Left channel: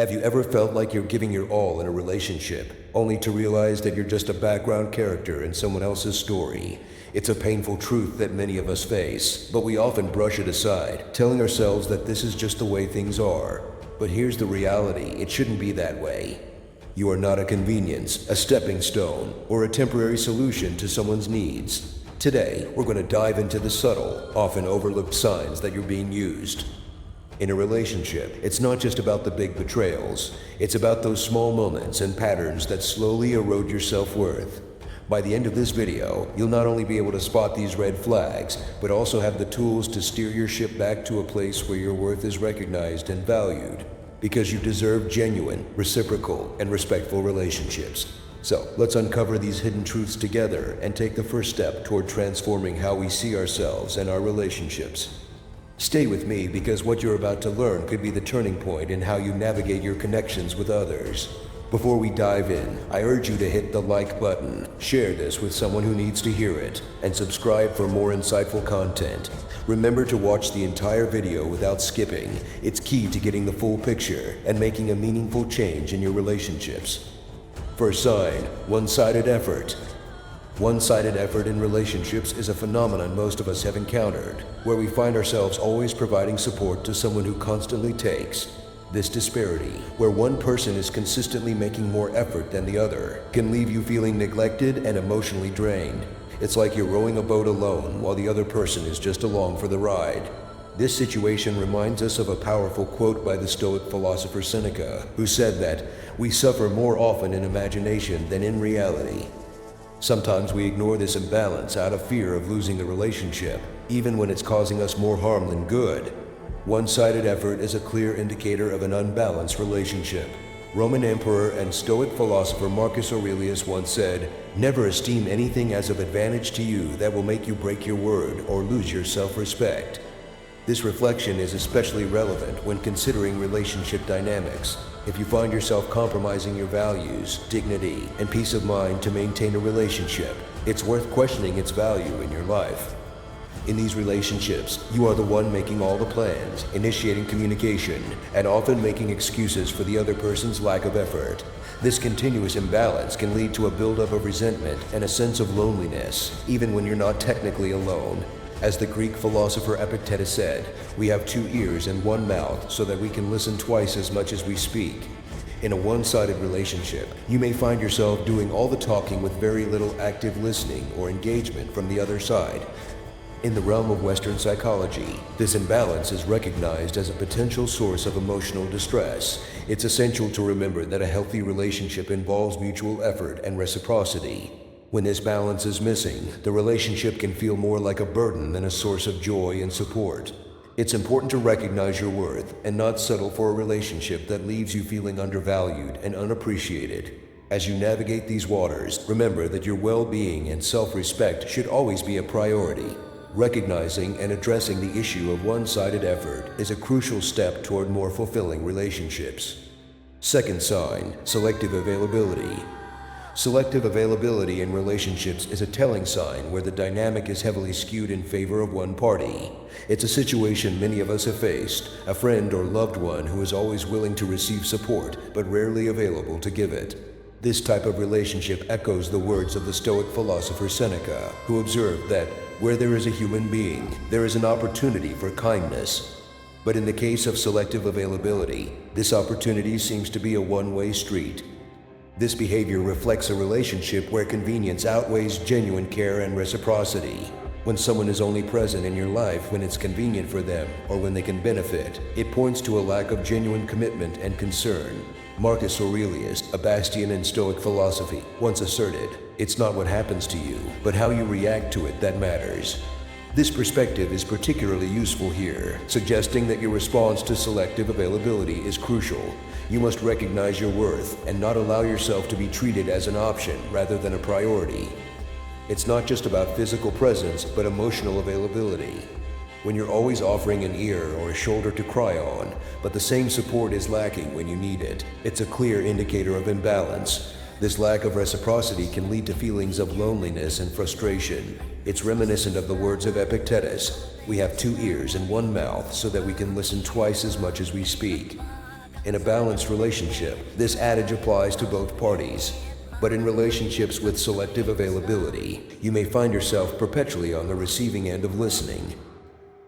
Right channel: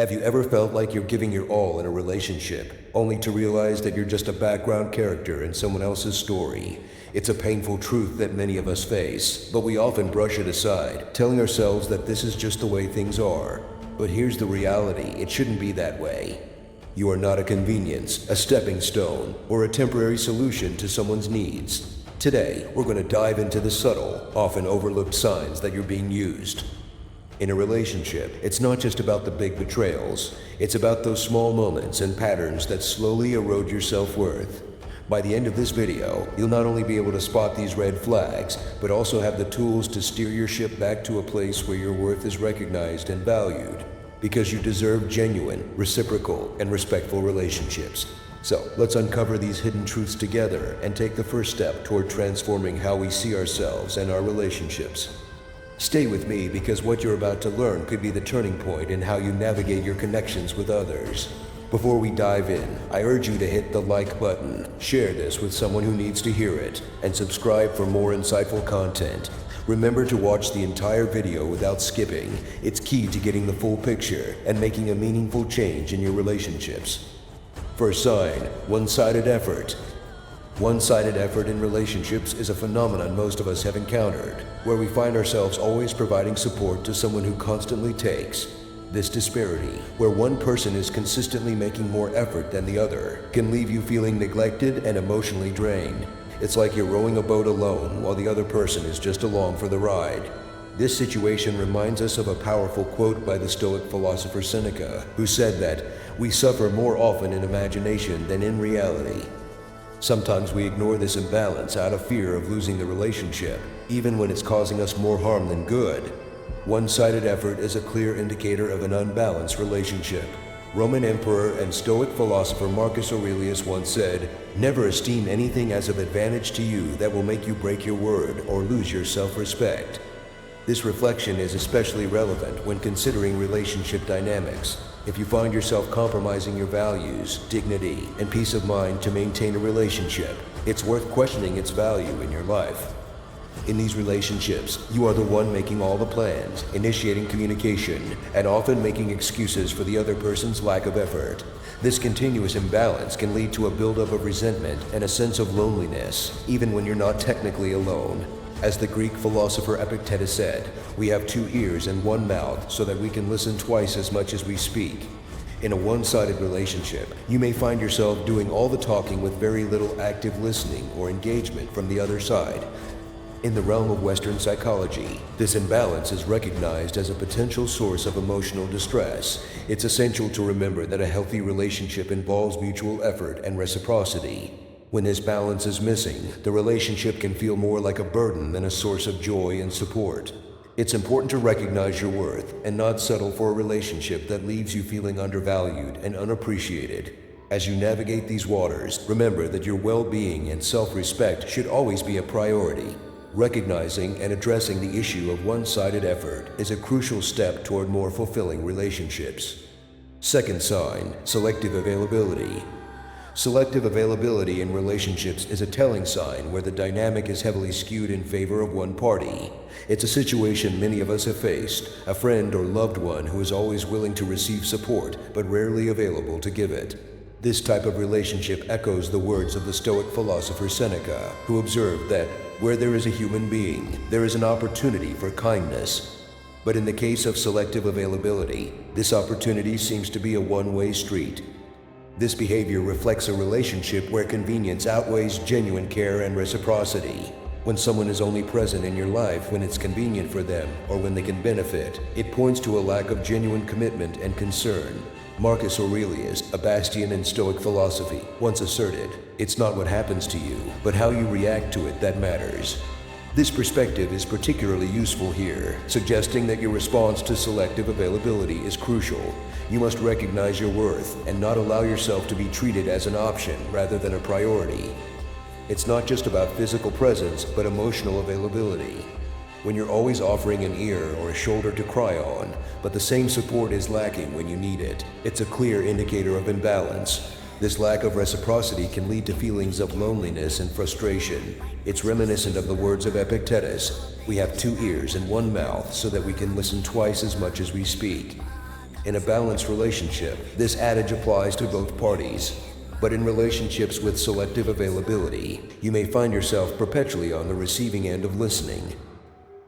Have you ever felt like you're giving your all in a relationship, only to realize that you're just a background character in someone else's story? It's a painful truth that many of us face, but we often brush it aside, telling ourselves that this is just the way things are. But here's the reality: it shouldn't be that way. You are not a convenience, a stepping stone, or a temporary solution to someone's needs. Today, we're going to dive into the subtle, often overlooked signs that you're being used. In a relationship, it's not just about the big betrayals. It's about those small moments and patterns that slowly erode your self-worth. By the end of this video, you'll not only be able to spot these red flags, but also have the tools to steer your ship back to a place where your worth is recognized and valued, because you deserve genuine, reciprocal, and respectful relationships. So, let's uncover these hidden truths together and take the first step toward transforming how we see ourselves and our relationships. Stay with me, because what you're about to learn could be the turning point in how you navigate your connections with others. Before we dive in, I urge you to hit the like button, share this with someone who needs to hear it, and subscribe for more insightful content. Remember to watch the entire video without skipping. It's key to getting the full picture and making a meaningful change in your relationships. First sign: one-sided effort. One-sided effort in relationships is a phenomenon most of us have encountered, where we find ourselves always providing support to someone who constantly takes. This disparity, where one person is consistently making more effort than the other, can leave you feeling neglected and emotionally drained. It's like you're rowing a boat alone while the other person is just along for the ride. This situation reminds us of a powerful quote by the Stoic philosopher Seneca, who said that we suffer more often in imagination than in reality. Sometimes we ignore this imbalance out of fear of losing the relationship, even when it's causing us more harm than good. One-sided effort is a clear indicator of an unbalanced relationship. Roman emperor and Stoic philosopher Marcus Aurelius once said, "Never esteem anything as of advantage to you that will make you break your word or lose your self-respect." This reflection is especially relevant when considering relationship dynamics. If you find yourself compromising your values, dignity, and peace of mind to maintain a relationship, it's worth questioning its value in your life. In these relationships, you are the one making all the plans, initiating communication, and often making excuses for the other person's lack of effort. This continuous imbalance can lead to a buildup of resentment and a sense of loneliness, even when you're not technically alone. As the Greek philosopher Epictetus said, "We have two ears and one mouth so that we can listen twice as much as we speak." In a one-sided relationship, you may find yourself doing all the talking with very little active listening or engagement from the other side. In the realm of Western psychology, this imbalance is recognized as a potential source of emotional distress. It's essential to remember that a healthy relationship involves mutual effort and reciprocity. When this balance is missing, the relationship can feel more like a burden than a source of joy and support. It's important to recognize your worth and not settle for a relationship that leaves you feeling undervalued and unappreciated. As you navigate these waters, remember that your well-being and self-respect should always be a priority. Recognizing and addressing the issue of one-sided effort is a crucial step toward more fulfilling relationships. Second sign: selective availability. Selective availability in relationships is a telling sign where the dynamic is heavily skewed in favor of one party. It's a situation many of us have faced: a friend or loved one who is always willing to receive support but rarely available to give it. This type of relationship echoes the words of the Stoic philosopher Seneca, who observed that where there is a human being, there is an opportunity for kindness. But in the case of selective availability, this opportunity seems to be a one-way street. This behavior reflects a relationship where convenience outweighs genuine care and reciprocity. When someone is only present in your life when it's convenient for them or when they can benefit, it points to a lack of genuine commitment and concern. Marcus Aurelius, a bastion in Stoic philosophy, once asserted, "It's not what happens to you, but how you react to it that matters." This perspective is particularly useful here, suggesting that your response to selective availability is crucial. You must recognize your worth and not allow yourself to be treated as an option rather than a priority. It's not just about physical presence, but emotional availability. When you're always offering an ear or a shoulder to cry on, but the same support is lacking when you need it, it's a clear indicator of imbalance. This lack of reciprocity can lead to feelings of loneliness and frustration. It's reminiscent of the words of Epictetus, "We have two ears and one mouth so that we can listen twice as much as we speak." In a balanced relationship, this adage applies to both parties. But in relationships with selective availability, you may find yourself perpetually on the receiving end of listening.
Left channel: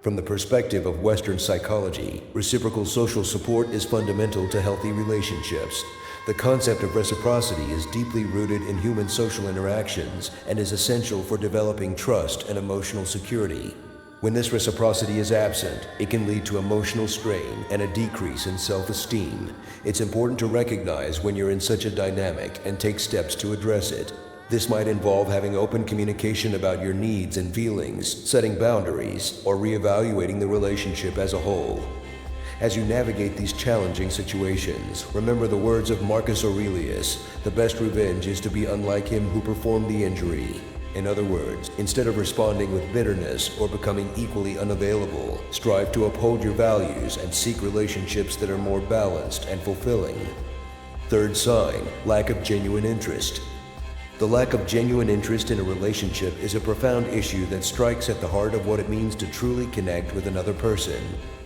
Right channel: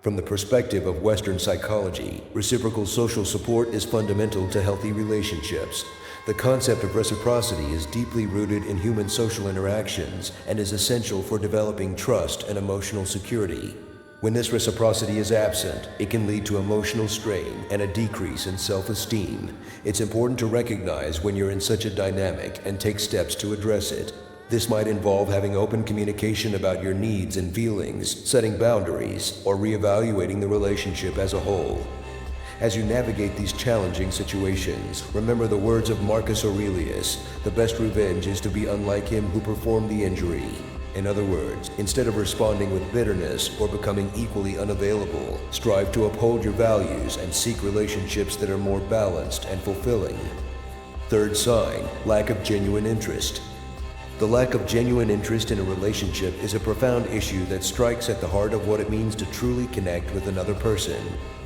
From the perspective of Western psychology, reciprocal social support is fundamental to healthy relationships. The concept of reciprocity is deeply rooted in human social interactions and is essential for developing trust and emotional security. When this reciprocity is absent, it can lead to emotional strain and a decrease in self-esteem. It's important to recognize when you're in such a dynamic and take steps to address it. This might involve having open communication about your needs and feelings, setting boundaries, or reevaluating the relationship as a whole. As you navigate these challenging situations, remember the words of Marcus Aurelius: "The best revenge is to be unlike him who performed the injury." In other words, instead of responding with bitterness or becoming equally unavailable, strive to uphold your values and seek relationships that are more balanced and fulfilling. Third sign: lack of genuine interest. The lack of genuine interest in a relationship is a profound issue that strikes at the heart of what it means to truly connect with another person.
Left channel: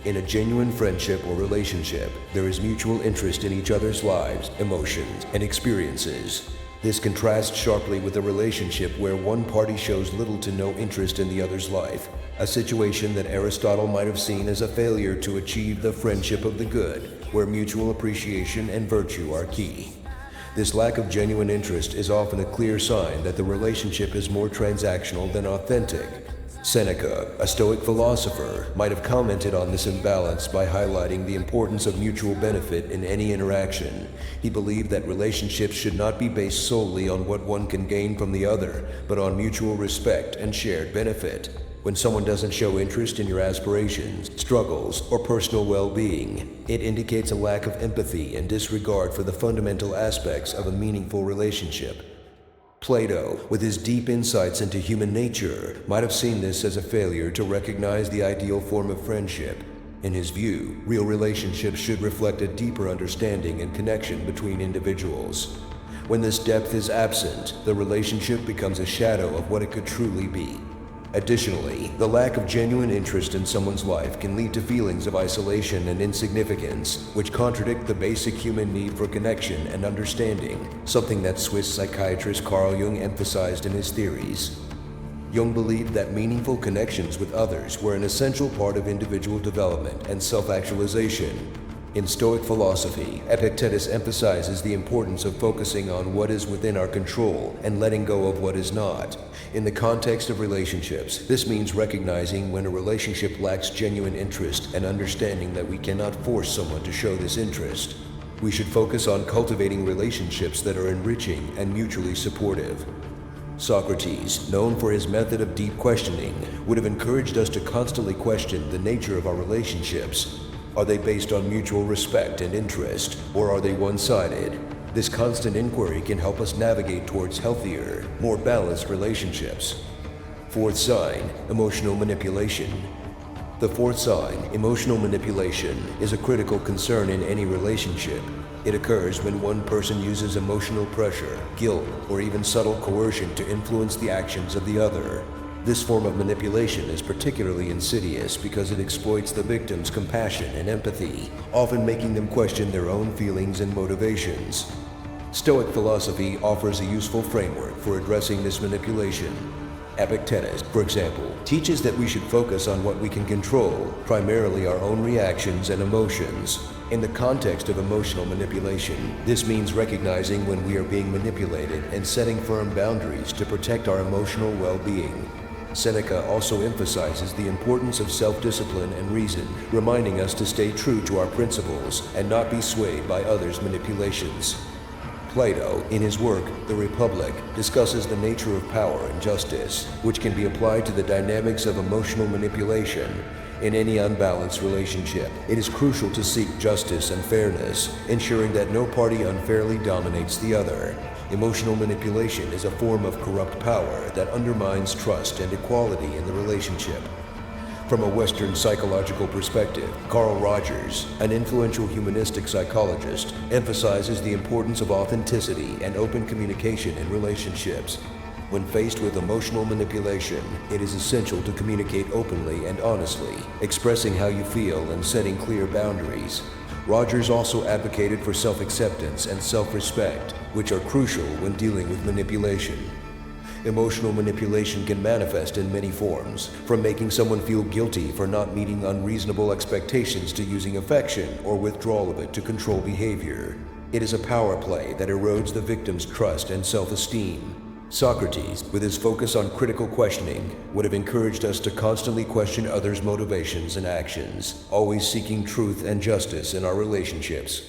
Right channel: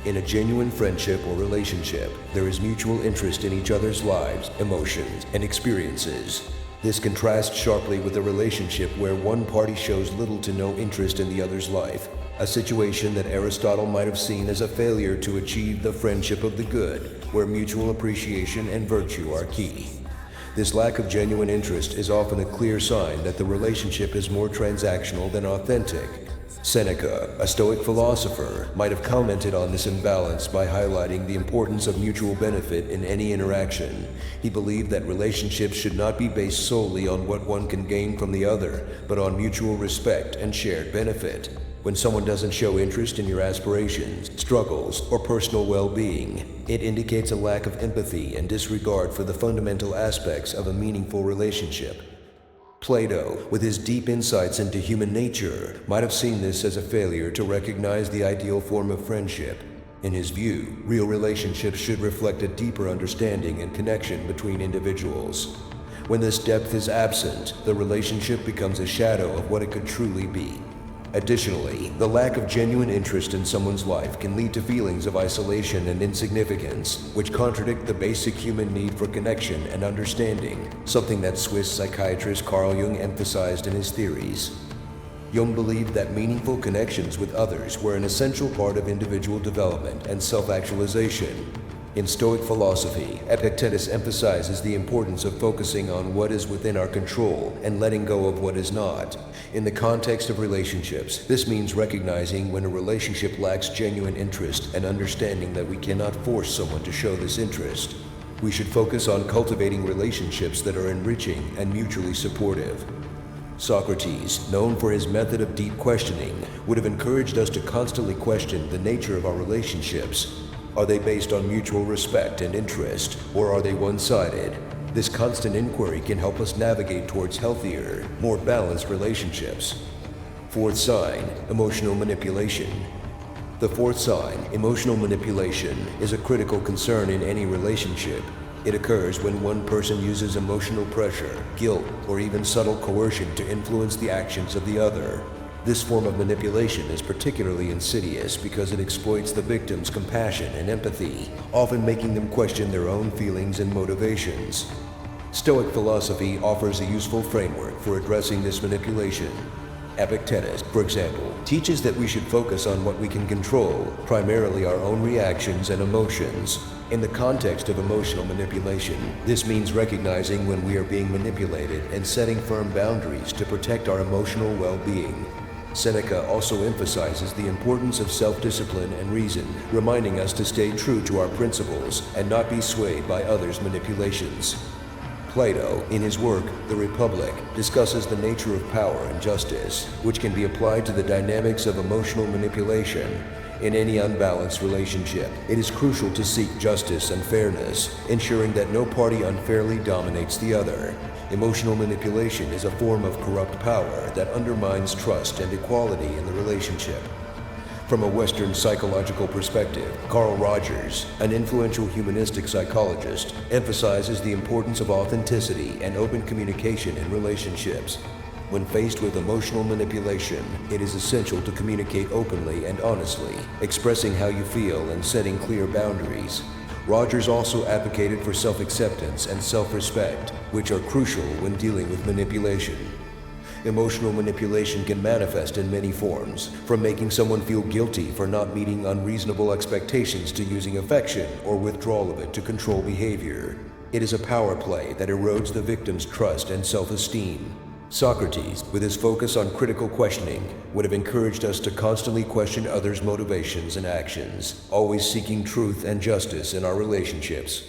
In a genuine friendship or relationship, there is mutual interest in each other's lives, emotions, and experiences. This contrasts sharply with a relationship where one party shows little to no interest in the other's life, a situation that Aristotle might have seen as a failure to achieve the friendship of the good, where mutual appreciation and virtue are key. This lack of genuine interest is often a clear sign that the relationship is more transactional than authentic. Seneca, a Stoic philosopher, might have commented on this imbalance by highlighting the importance of mutual benefit in any interaction. He believed that relationships should not be based solely on what one can gain from the other, but on mutual respect and shared benefit. When someone doesn't show interest in your aspirations, struggles, or personal well-being, it indicates a lack of empathy and disregard for the fundamental aspects of a meaningful relationship. Plato, with his deep insights into human nature, might have seen this as a failure to recognize the ideal form of friendship. In his view, real relationships should reflect a deeper understanding and connection between individuals. When this depth is absent, the relationship becomes a shadow of what it could truly be. Additionally, the lack of genuine interest in someone's life can lead to feelings of isolation and insignificance, which contradict the basic human need for connection and understanding, something that Swiss psychiatrist Carl Jung emphasized in his theories. Jung believed that meaningful connections with others were an essential part of individual development and self-actualization. In Stoic philosophy, Epictetus emphasizes the importance of focusing on what is within our control and letting go of what is not. In the context of relationships, this means recognizing when a relationship lacks genuine interest and understanding that we cannot force someone to show this interest. We should focus on cultivating relationships that are enriching and mutually supportive. Socrates, known for his method of deep questioning, would have encouraged us to constantly question the nature of our relationships. Are they based on mutual respect and interest, or are they one-sided? This constant inquiry can help us navigate towards healthier, more balanced relationships. Fourth sign: emotional manipulation. The fourth sign, emotional manipulation, is a critical concern in any relationship. It occurs when one person uses emotional pressure, guilt, or even subtle coercion to influence the actions of the other. This form of manipulation is particularly insidious because it exploits the victim's compassion and empathy, often making them question their own feelings and motivations. Stoic philosophy offers a useful framework for addressing this manipulation. Epictetus, for example, teaches that we should focus on what we can control, primarily our own reactions and emotions. In the context of emotional manipulation, this means recognizing when we are being manipulated and setting firm boundaries to protect our emotional well-being. Seneca also emphasizes the importance of self-discipline and reason, reminding us to stay true to our principles and not be swayed by others' manipulations. Plato, in his work, The Republic, discusses the nature of power and justice, which can be applied to the dynamics of emotional manipulation. In any unbalanced relationship, it is crucial to seek justice and fairness, ensuring that no party unfairly dominates the other. Emotional manipulation is a form of corrupt power that undermines trust and equality in the relationship. From a Western psychological perspective, Carl Rogers, an influential humanistic psychologist, emphasizes the importance of authenticity and open communication in relationships. When faced with emotional manipulation, it is essential to communicate openly and honestly, expressing how you feel and setting clear boundaries. Rogers also advocated for self-acceptance and self-respect, which are crucial when dealing with manipulation. Emotional manipulation can manifest in many forms, from making someone feel guilty for not meeting unreasonable expectations to using affection or withdrawal of it to control behavior. It is a power play that erodes the victim's trust and self-esteem. Socrates, with his focus on critical questioning, would have encouraged us to constantly question others' motivations and actions, always seeking truth and justice in our relationships.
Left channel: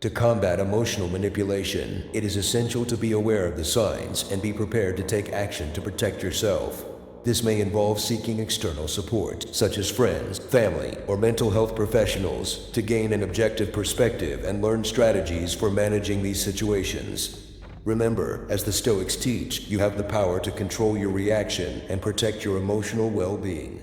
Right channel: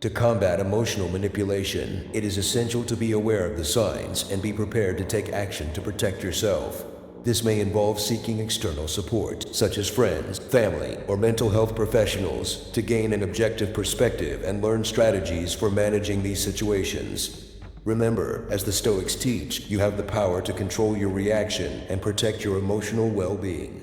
To combat emotional manipulation, it is essential to be aware of the signs and be prepared to take action to protect yourself. This may involve seeking external support, such as friends, family, or mental health professionals, to gain an objective perspective and learn strategies for managing these situations. Remember, as the Stoics teach, you have the power to control your reaction and protect your emotional well-being.